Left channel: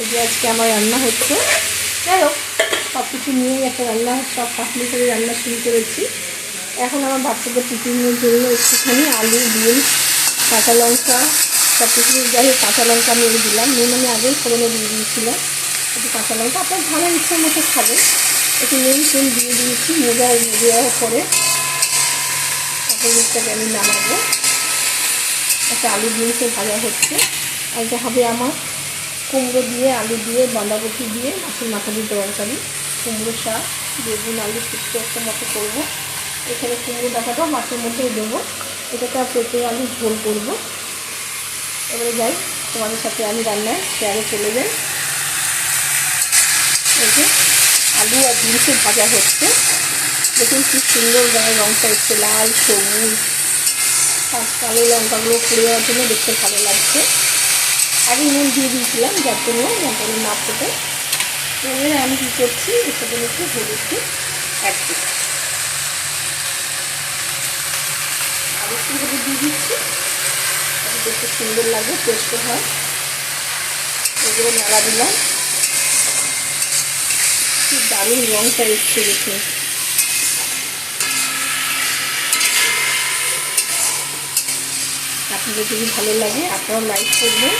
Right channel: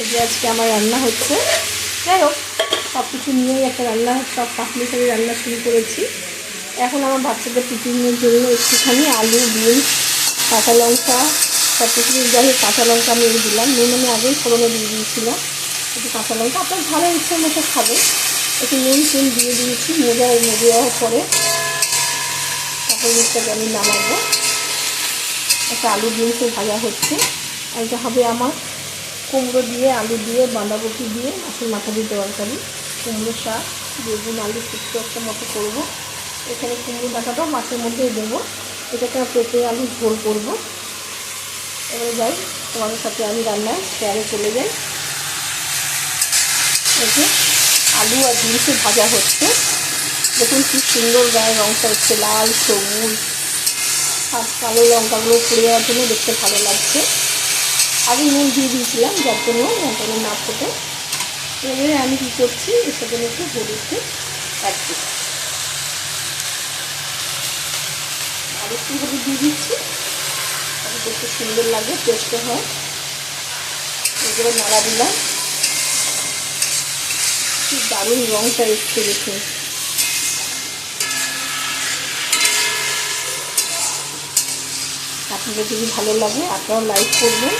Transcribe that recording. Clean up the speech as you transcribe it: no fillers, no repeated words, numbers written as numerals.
এই যে আজকে আমার রান্না হচ্ছে, যাই হোক সব কিছু নিয়েই একটা রান্না, সব পাতলি করে রান্না শুরু করেছি। এখন আমার বাচ্চাদের টিফিনের জন্য একটুখানি আলু, ডিম, কাঁচা লঙ্কা, সব কিছু যাই হোক কাঁচা লঙ্কা আমি দিলাম, নুন আমি আগেই ফোড়নে দিয়ে দিয়েছিলাম। একটু কাঁচা লঙ্কা আপনার ভালো ইচ্ছা মতো খাবে, একটু নুন টুন দিয়ে দিয়েছি। মেজে দেওয়ার পরে তারপর দুধটাকে আমি নামাবো। একটা আলু ডিমকে ভাজা হচ্ছে। আর এটা হবে আমার কুমড়ো দিয়ে, আলু দিয়ে, বাঁধাকপি দিয়ে মাছের মাথা দিয়ে তরকারি, কুমড়ো শাক, বেগুন আলু শুক্তো একটা মতো করবো। এখানে কুমড়ো ডাঁটাটাও মাছের মধ্যেই দেবো। এটাকে পেঁপে আলু ঝোল করবো। এবারে যাই তোমাদের সাথে আমি রান্নায় শেয়ারে চলে যাই। এই যে আলু আর ডিমকে ভাজা হচ্ছে, দেখুন কি সুন্দর গায়ে রঙটা এসছে, লাল সবুজ আর কালো লঙ্কাগুলো পুড়ে যাওয়ার জন্য দেখতে ভালো লাগছে। আগে নুন দিয়ে দিয়েছিলাম যার জন্য লঙ্কাগুলো না ফোটে। এবারে আমি কী করছি, এর সাথে একটু হলুদকে অ্যাড করছি, আর একটু হলুদ দিয়ে দিচ্ছি, তাহলে দেখতে সুন্দর লাগে, টেস্টও হয়। এগুলো নাড়া দিলাম, কি দারুণ রঙটা এসছে দেখুন। আপনাদের যদি ভালো লাগে আপনারাও লাইক করবেন।